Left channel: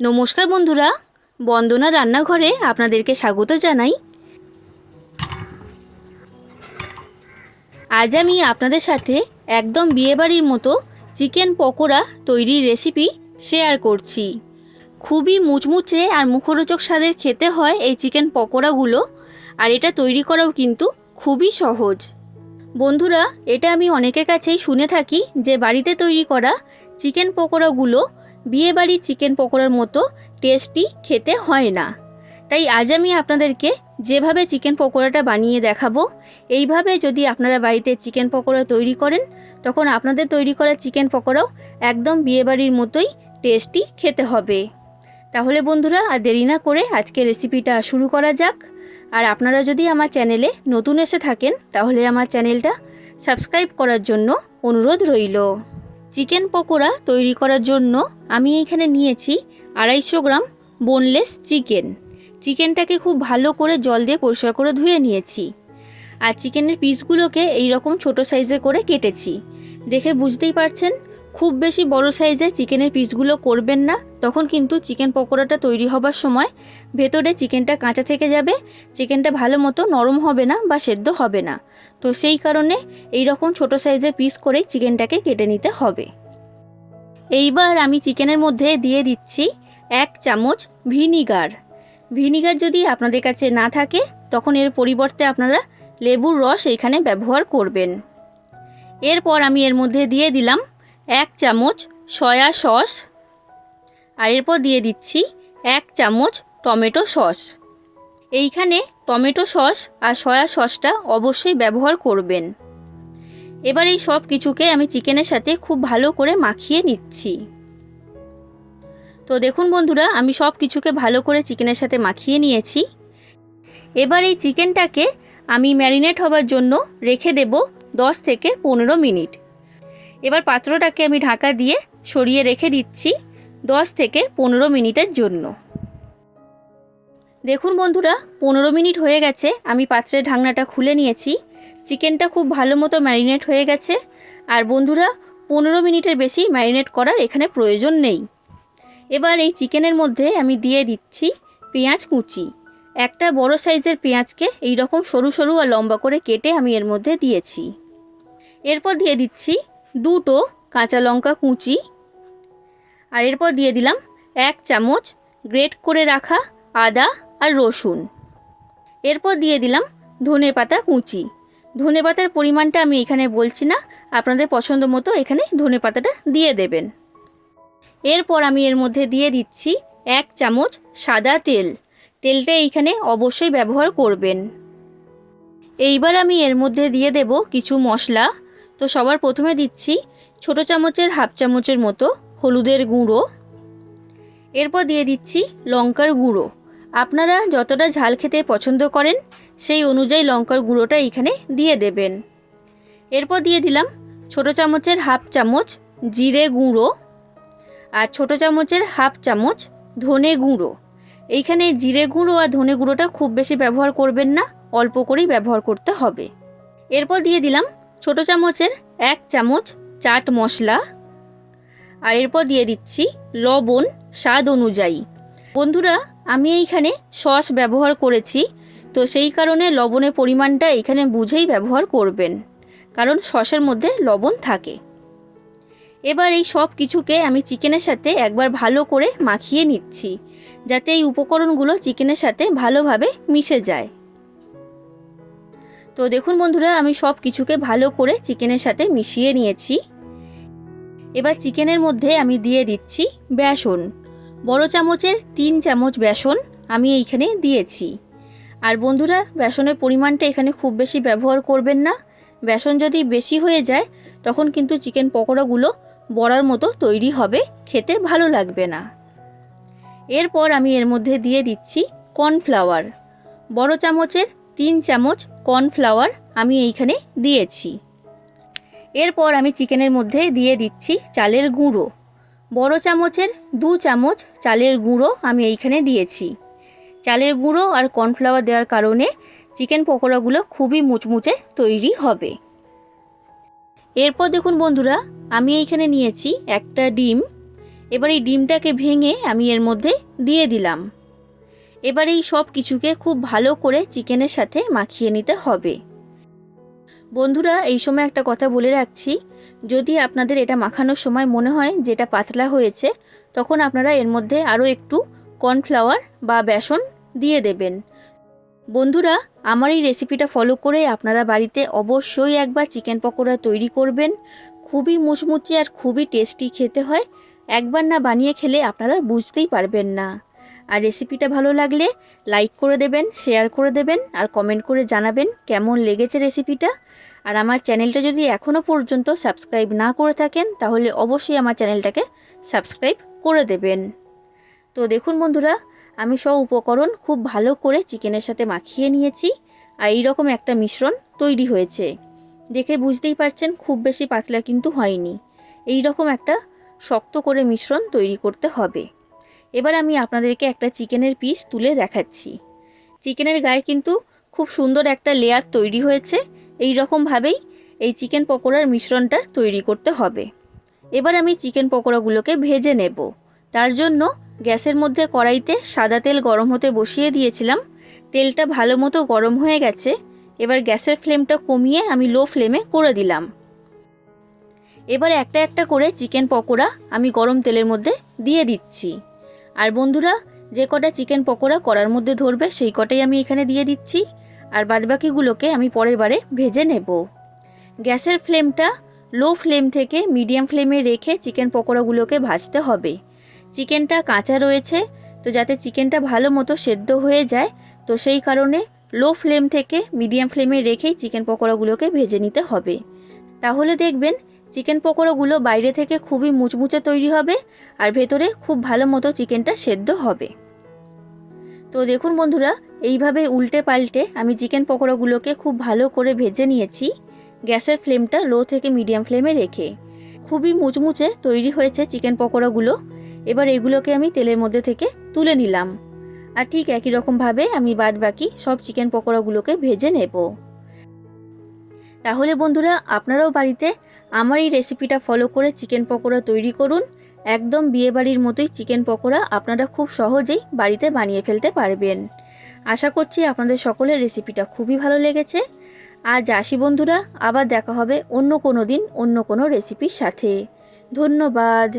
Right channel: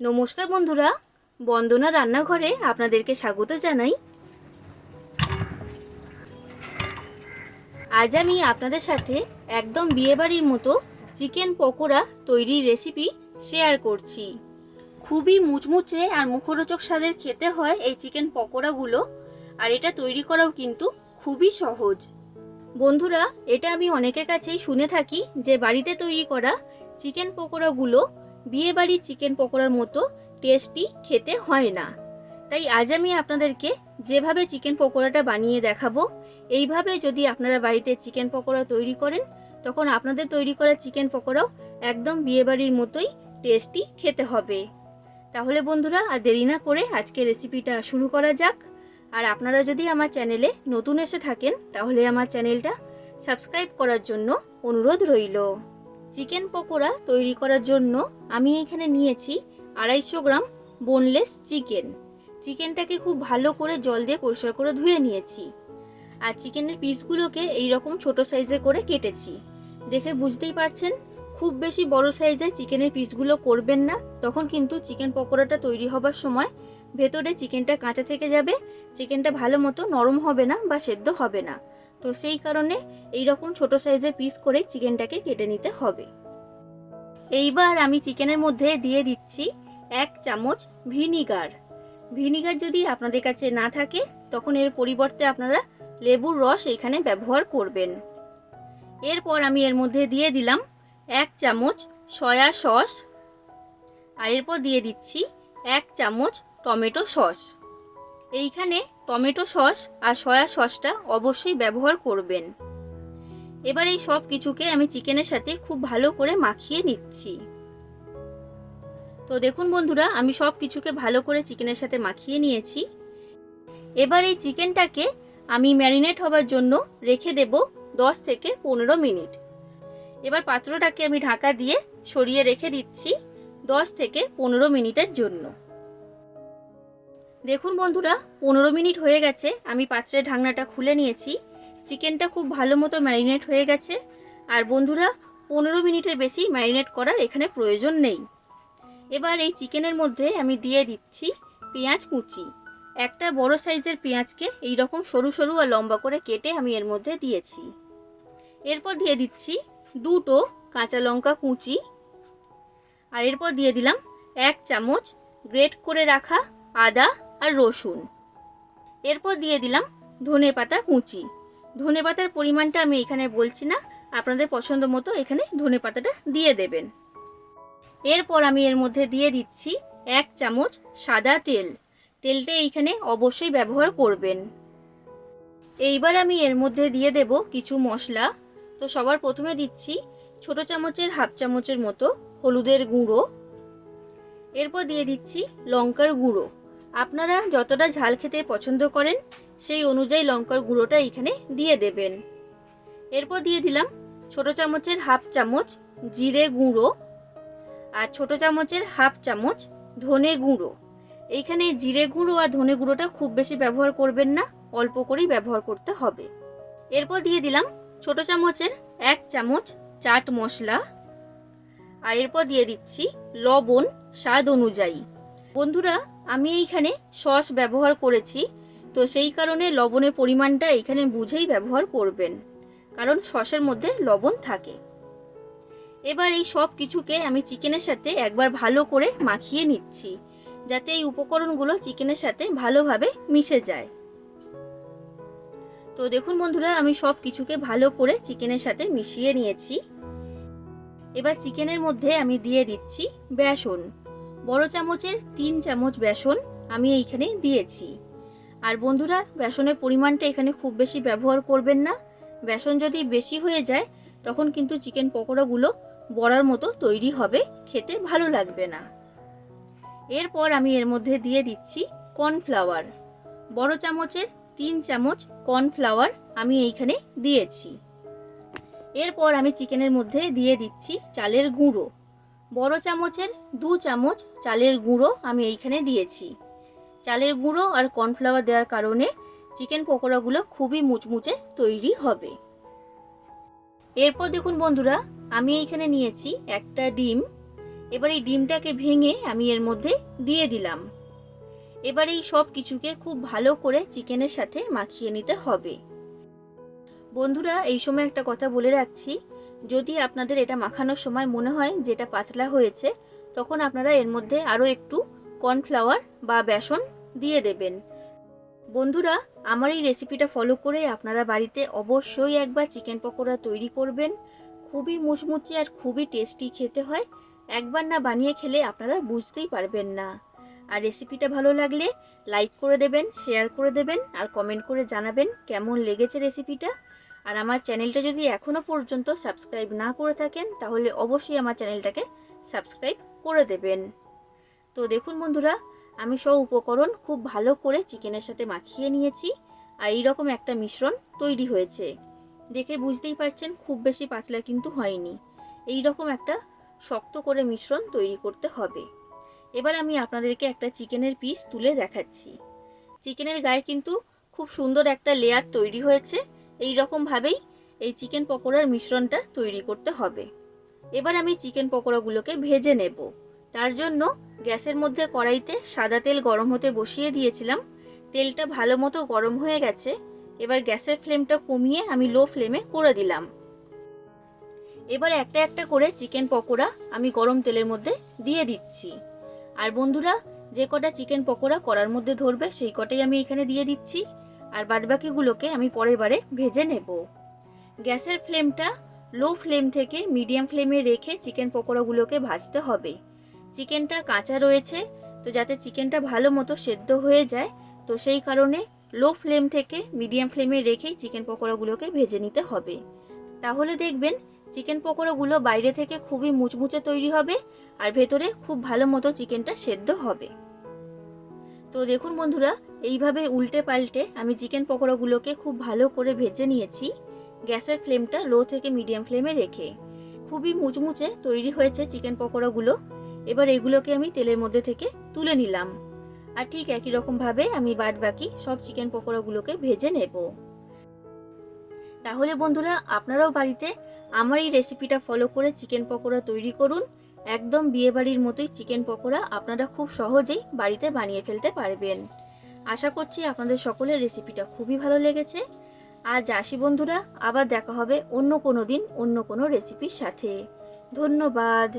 নমস্কার বন্ধুরা, বন্দনা রান্নাঘরে আপনাদেরকে স্বাগত জানাই। আজ আমি আপনাদের সাথে একদম বিয়েবাড়ির মতো চিকেন পকোড়া তৈরির রেসিপি শেয়ার করছি। খুবই মুচমুচে আর মুখরোচক স্বাদের খেতে হয় এই চিকেন পকোড়াগুলো, আর এটা তৈরি করাও কিন্তু খুবই সহজ। বন্ধুরা, এটা আমি অনেকের কাছেই শুনে থাকি যে বাড়িতে তৈরি করা চিকেন পকোড়াগুলো বিয়েবাড়ির চিকেন পকোড়ার মতো টেস্টি খেতে হয় না। তাই আজ আমি আপনাদেরকে যেভাবে চিকেন পকোড়াটা বানিয়ে দেখাবো, এইভাবে যদি আপনারা বাড়িতে চিকেন পকোড়া তৈরি করেন, তখন আপনাদের তৈরি করা চিকেন পকোড়াও একদম বিয়েবাড়ির মতোই টেস্টি খেতে হবে। তাহলে বন্ধুরা, আর দেরি না করে আজকে রেসিপিটা শুরু করা যাক। আর আপনারা যদি আমার চ্যানেলে নতুন এসে থাকেন, তাহলে আমার চ্যানেলটা সাবস্ক্রাইব করার জন্য অনুরোধ রইল। চিকেন পকোড়া তৈরি করার জন্য আমি এখানে নিয়েছি আড়াইশো গ্রাম বোনলেস চিকেন চিকেনটাকে খুব ভালো করে জল দিয়ে পরিষ্কার করে ধুয়ে নিয়েছি। আর চিকেনের পিসগুলোকে এই রকম ছোট সাইজে করে কেটেছি। দেখে বুঝতেই পারছেন, খুব বেশি বড় সাইজে চিকেনের পিসগুলো করবেন না, তখন কিন্তু চিকেন পকোড়াটা তৈরি হবার সময় ভেতরে চিকেনটা কাঁচা থেকে যাবে, চিকেনটা ভালো মতো নরম হবে না বা সেদ্ধ হবে না। তো সেই কারণে এই রকম ছোট সাইজের পিস করে চিকেনটাকে কেটে নিতে হবে। এইবার আমি চিকেনের মধ্যে দিয়ে দিচ্ছি এক চামচ ভিনিগার। ভিনিগার যদি আপনাদের কাছে না থাকে, তখন এর পরিবর্তে আপনারা লেবুর রস এইখানে ব্যবহার করবেন। এরপর আমি এর মধ্যে দিয়ে দিলাম এক চামচ সয়া সস আর এরপর দিয়ে দিচ্ছি এক চামচ টমেটো সস। এইখানে টমেটো সস আর সয়া সসটা অবশ্যই ব্যবহার করবেন। এবার এই সব কিছুকে আমি চিকেনের সাথে খুব ভালো করে মাখিয়ে নিচ্ছি। তো দেখুন বন্ধুরা, আমি সব কিছুকে ভালো করে চিকেনের সাথে মাখিয়ে নিয়েছি। এবার এই চিকেনটাকে আমি ম্যারিনেট হবার জন্য রেখে দেব দশ থেকে পনেরো মিনিট। এবার পাত্রটাকে আমি ঢাকা দিয়ে সরিয়ে রেখে দিচ্ছি দশ থেকে পনেরো মিনিটের জন্য। দেখুন বন্ধুরা, পনেরো মিনিট হয়ে গেছে, আমি পাত্রের ঢাকনাটা খুলে নিয়েছি। চিকেনটা খুব ভালো মতো ম্যারিনেট হয়ে গেছে। আর বন্ধুরা, পনেরো মিনিটের বেশি ম্যারিনেট করার এখানে প্রয়োজন নেই। এবার এই চিকেনের মধ্যে আমি দিয়ে দিচ্ছি পেঁয়াজ কুচি। একটা বড় সাইজের পেঁয়াজকে এই রকম সরু সরু আর লম্বা করে কেটে আমি এর মধ্যে দিয়েছি। এরপর দিয়ে দিচ্ছি দুটো কাঁচা লঙ্কা কুচি। আর এরপর দিয়ে দিলাম এক চামচ গ্রেট করে রাখা আদা আর রসুন। এরপর দিয়ে দিলাম ধনে পাতা কুচি। ধনে পাতার পরিমাণটা আমি এখানে বলছি না, আপনাদের পছন্দ মতো এখানে ধনে পাতাটা দিয়ে দেবেন। এরপর আমি এর মধ্যে দিয়ে দিচ্ছি এক চামচ সাদা তেল। তেলটা এইখানে অবশ্যই ব্যবহার করবেন। এইবার আমি এর মধ্যে দিয়ে দেব কিছু মশলা। তো সবার প্রথমে দিচ্ছি ছোট চামচের হাফ চামচের মতো হলুদের গুঁড়ো। এরপর দিয়ে দিচ্ছি লঙ্কার গুঁড়ো। আপনারা যতটা ঝাল খেতে পছন্দ করেন, সেই অনুযায়ী লঙ্কার গুঁড়োটা এখানে দিয়ে দেবেন। এরপর দিয়ে দিলাম ছোট চামচের হাফ চামচ জিরে গুঁড়ো আর ছোট চামচের হাফ চামচ ধনে গুঁড়ো। এইখানে জিরে গুঁড়ো আর ধনে গুঁড়োটা খুব বেশি ব্যবহার করবেন না, অল্প করেই ব্যবহার করতে হবে। এরপর দিয়ে দিলাম ছোট চামচের এক চামচ চাট মশলা আর এরপর দিয়ে দিচ্ছি লবণ স্বাদ অনুযায়ী। বন্ধুরা আমি এইখানে সস ব্যবহার করেছি, তো সেই কারণে লবণের পরিমাণটা এখানে বুঝেই ব্যবহার করবেন, কারণ সসের মধ্যে লবণ থাকে। এবার এই সব কিছুকে আমি চিকেনের সাথে একবার ভালো করে মাখিয়ে নিচ্ছি, যাতে এই উপকরণগুলো চিকেনের সাথে ভালোভাবে মিশে যায়। তো দেখুন বন্ধুরা, আমি সব কিছুকে ভালো করে চিকেনের সাথে মিশিয়ে নিয়েছি। এবার চিকেনের মধ্যে আমি দিয়ে দিচ্ছি বেসন। বড় চামচের তিন চামচ বেসন আমি এইখানে দিয়েছি। আর বন্ধুরা, বেসনের পরিমাণটা এখানে খুব বেশি ব্যবহার করবেন না। বেসন যদি বেশি হয়ে যায়, তখন কিন্তু চিকেন পকোড়াগুলো বড়ার মতো তৈরি হবে, খেতে ভালো লাগবে না। এরপর আমি এর মধ্যে দিয়ে দিচ্ছি কর্নফ্লাওয়ার। বড় চামচের তিন চামচ কর্নফ্লাওয়ার আমি এইখানে দিয়েছি। এরপর আমি চিকেনের মধ্যে দিয়ে দিচ্ছি চালের গুঁড়ো। বড় চামচের দু চামচ চালের গুঁড়ো আমি এইখানে দিয়েছি। চালের গুঁড়ো আর কর্নফ্লাওয়ার দেওয়ার কারণে চিকেন পকোড়াগুলো খুবই মুচমুচে তৈরি হবে। এরপর দেখুন বন্ধুরা, আমি এইখানে নিয়েছি একটা ডিম। এবার এই ডিমটাকে ভেঙে আমি এর মধ্যে দিয়ে দিলাম। এবার এই সব কিছুকে খুব ভালো করে চিকেনের সাথে মাখিয়ে নিতে হবে। বন্ধুরা, এই সময় একটা কথা বলে রাখছি যদি আপনাদের এটা মাখানোর সময় মনে হয় যেটা পাতলা হয়েছে, তখন আপনারা এর মধ্যে আরও একটু কর্নফ্লাওয়ার বা বেসন দিয়ে দেবেন। বন্ধুরা, আমার এই রেসিপিটা ফলো করে আপনারা বাড়িতে অবশ্যই একবার চিকেন পকোড়া তৈরি করবেন। খুবই মুচমুচে আর খুবই টেস্টি খেতে হয়। একবার না বানিয়ে খেলে আপনারা বুঝতেই পারবেন না। আর রেসিপিটা ভালো লাগলে লাইক করে দেবেন, শেয়ার করে দেবেন আর কমেন্ট করে জানাবেন কেমন লেগেছে রেসিপিটা। আর আমার চ্যানেলটা যদি এখনও পর্যন্ত সাবস্ক্রাইব না করে থাকেন, তাহলে অবশ্যই আমার চ্যানেলটাকে সাবস্ক্রাইব করে দেবেন। তো দেখুন বন্ধুরা, আমি সব উপকরণ খুব ভালো করে চিকেনের সাথে মাখিয়ে নিয়েছি আর এইরকম একটা মিশ্রণ তৈরি হয়েছে। দেখে বুঝতেই পারছেন, খুব বেশি পাতলা কিন্তু হয়নি। এই রকম একটা শক্ত করে মিশ্রণ তৈরি করতে হবে। এবার আমি আপনাদেরকে একটা চিকেনের পিস তুলে দেখাচ্ছি। চিকেনের গায়ে কিন্তু খুব সুন্দর একটা লেয়ার তৈরি হয়েছে। এই রকমভাবেই এই চিকেন পকোড়ার মিশ্রণটা তৈরি করতে হবে। এবার আমি চিকেন পকোড়াগুলোকে ভেজে নেব। তার জন্য গ্যাসের মধ্যে কড়াইতে সাদা তেল গরম হতে বসিয়ে দিয়েছিলাম। তেলটা ভালো মতো গরম হয়ে গেছে। এবার গ্যাসের ফ্লেমটা কমিয়ে আমি লো ফ্লেমে করে দিলাম। এবার একটা একটা করে চিকেন পকোড়া আমি গরম তেলের মধ্যে দিয়ে দিচ্ছি। আর বন্ধুরা, যে কটা চিকেন পকোড়া কড়ার মধ্যে ধরবে সেই কটাই আমি এখানে দিয়ে দিচ্ছি। আর বাদবাকিগুলোকে আমি পরের বারে ভেজে নেব। গ্যাসের ফ্লেমটা লো ফ্লেম থেকে মিডিয়াম ফ্লেমে রেখে চিকেন পকোড়াগুলোকে ভাজতে হবে। চিকেনটা কাঁচা রয়েছে, তো যাতে চিকেনটা ভালো মতো সেদ্ধ হয়ে যায়, তো সেই কারণে লো ফ্লেম থেকে মিডিয়াম ফ্লেমে রেখেই চিকেন পকোড়াগুলোকে ভেজে নিতে হবে। তাহলে দেখবেন চিকেন পকোড়াগুলো বাইরে থেকে খুবই মুচমুচে তৈরি হবে আর ভেতরে খুব ভালো মতো চিকেনটা সেদ্ধ হবে। তো দেখুন বন্ধুরা, এইভাবে উল্টে পাল্টে আমি চিকেন পকোড়াগুলোকে খুব ভালো করে ভেজে নিয়েছি গ্যাসের ফ্লেমটা লো থেকে মিডিয়াম ফ্লেমে রেখে। খুবই মুচমুচে তৈরি হয়েছে চিকেন পকোড়াগুলো। এবার এগুলোকে আমি তেলের মধ্যে থেকে তুলে নিলাম। আর ঠিক একই রকমভাবে আমি বাদ বাকি সব চিকেন পকোড়াগুলোকে ভেজে নেব। তাহলে বন্ধুরা, আপনারাও বাড়িতে আমার এই রেসিপিটা ফলো করে চিকেন পকোড়া তৈরি করুন। একদম বিয়েবাড়ির মতোই চিকেন পকোড়া আপনারা খুব সহজেই বাড়িতে বানিয়ে ফেলতে পারবেন। আশা করছি আপনাদের সকলের রেসিপিটা খুবই ভালো লেগেছে। আজ আসি বন্ধুরা, আবার দেখা হবে অন্য কোনো দিন অন্য কোনো রেসিপির সাথে। ধন্যবাদ।